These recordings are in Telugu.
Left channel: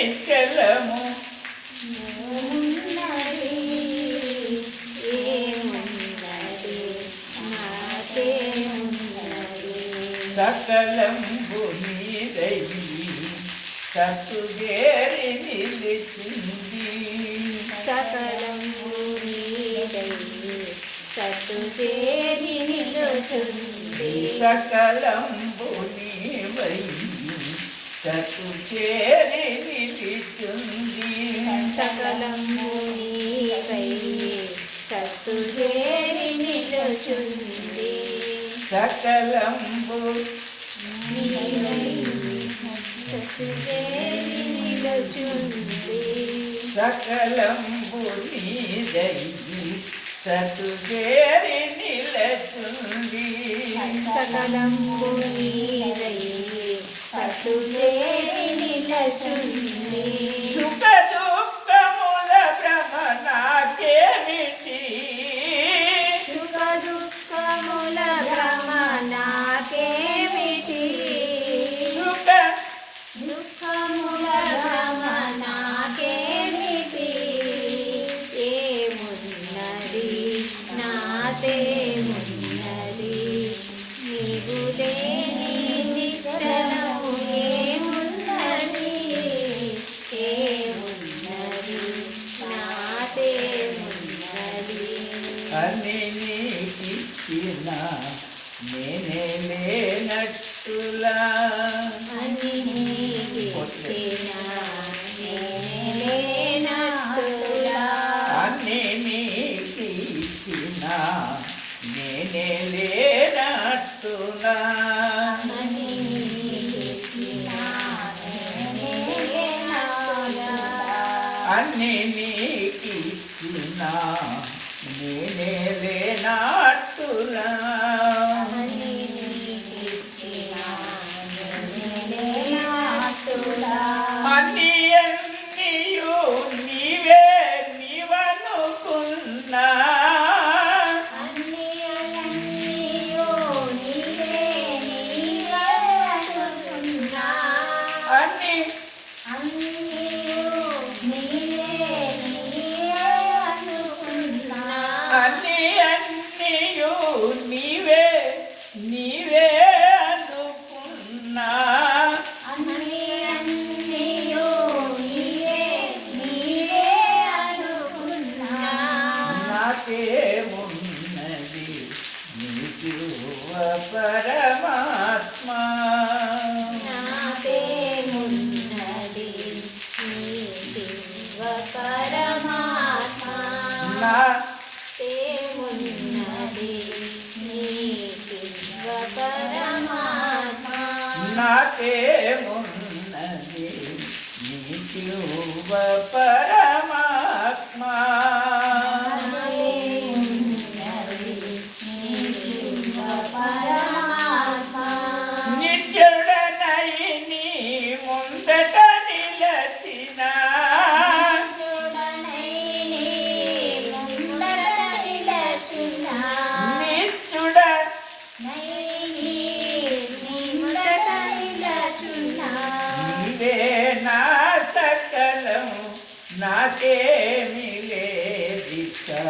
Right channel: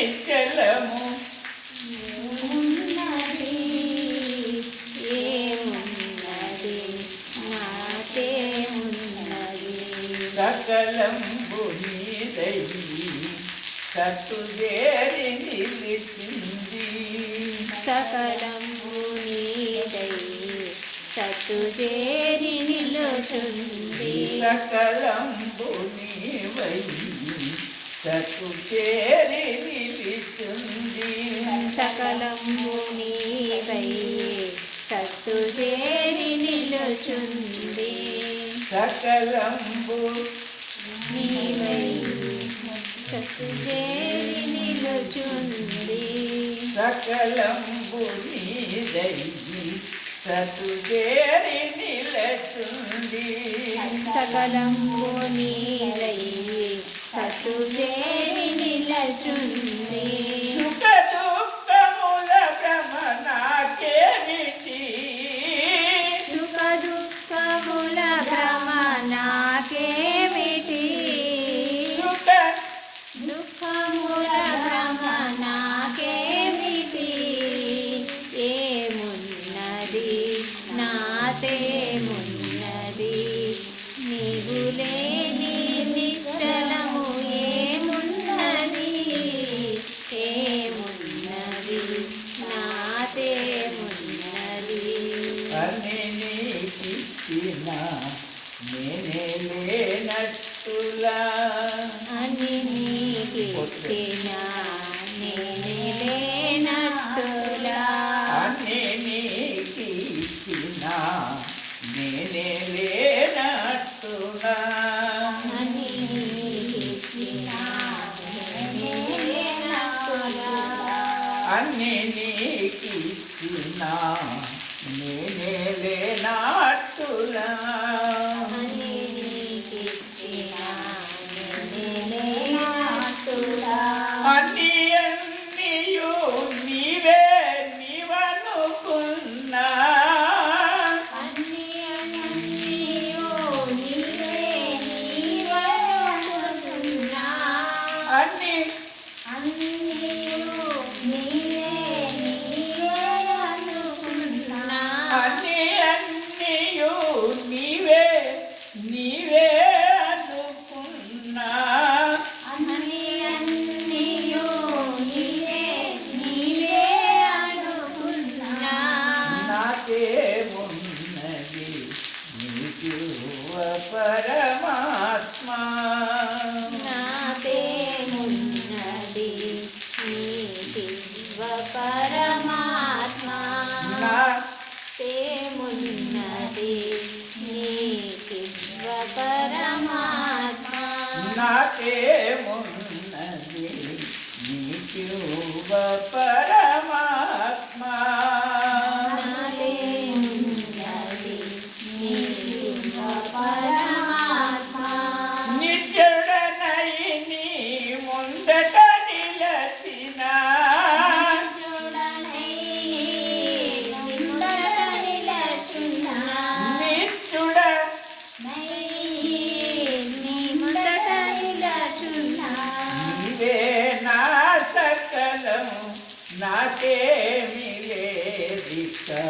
నిశ్చలము ఉన్నది ఏమున్నది నాకేమున్నది సకలంబు నీదై సత్తుగేరి నిలిచింది సకలము నీదై సత్తుచేరి నిలుచుంది సకలంబు నీవై సత్తుగేరి నిలిచింది సకలము నీదై సత్తుచేరి నిలుచుంది సకలంబు. నీవై సత్తుచేరి నిలుచుంది సకలంబు నీదై సత్తుగేరి నిలచుంది సకలంబు నీదై దుఃఖముల భ్రమ నాకేమిటి దుఃఖముల భ్రమ నాకేమిటి ఏమున్నది? నాతేమున్నది నీవు లేని నిశ్చలము ఏమున్నది? ఏమున్నది? నాతేమున్నది అని నీకిచ్చిన నేనే లేనట్టులా అని నీకిచ్చిన నేనేలేనట్టులా అని నీకిచ్చిన నేనే లేనట్టులా. అన్ని నీకిచ్చిన నేనే నేనేలేనట్టులా అన్ని అన్నియు నీవే నీవనుకున్నా అన్ని పరమాత్మా నాకేమున్నది నీకివ్వ పరమాత్మా నా నాకేమున్నది నీకివ్వ పరమాత్మా నాకేమున్నది నీకు పరమాత్మా ना के मिले दिखा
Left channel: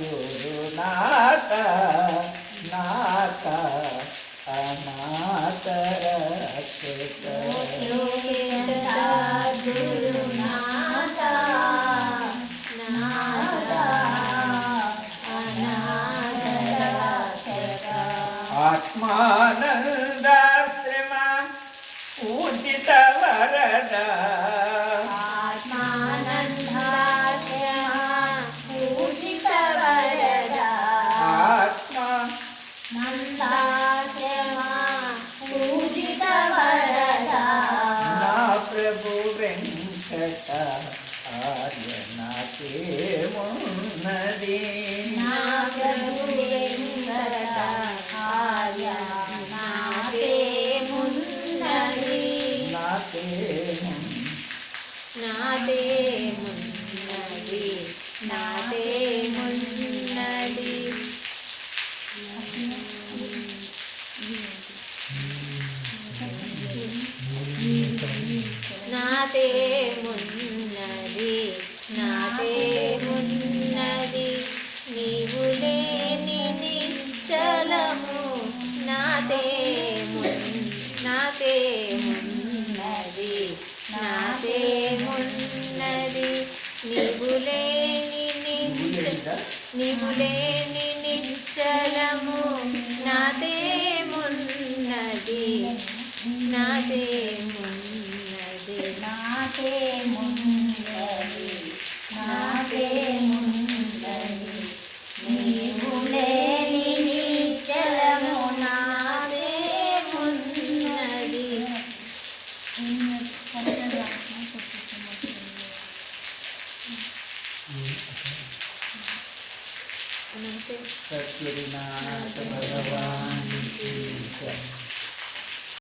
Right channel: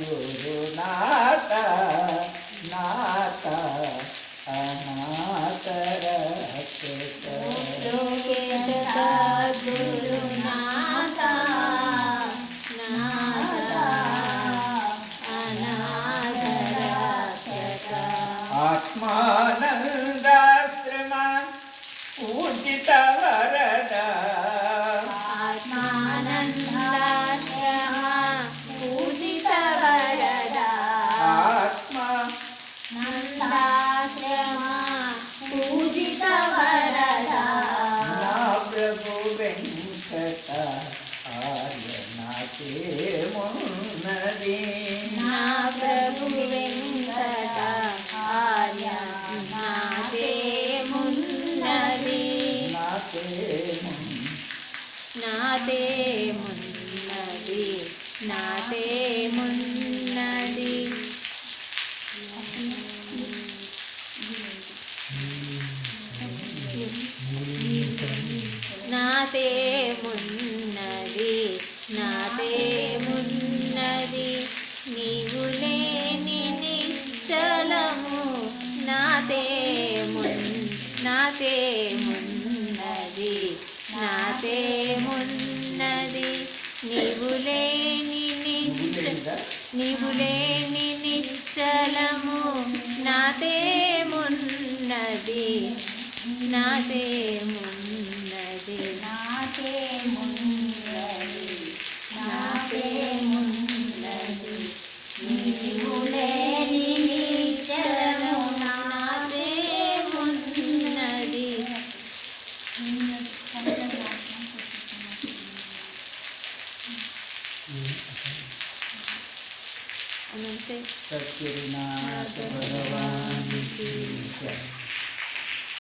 गुरुनाथ नाथ अनातर आत्मानन्द மன்னதே ఉన్నది. నీవు లేని నీవు లేని నిశ్చలము నాదేమున్నది నాదేమున్నది నాదేమున్నది నాదేమున్నది నీవు నిశ్చలము నాదేమున్నది Kirinath Bhagavan Ki Jai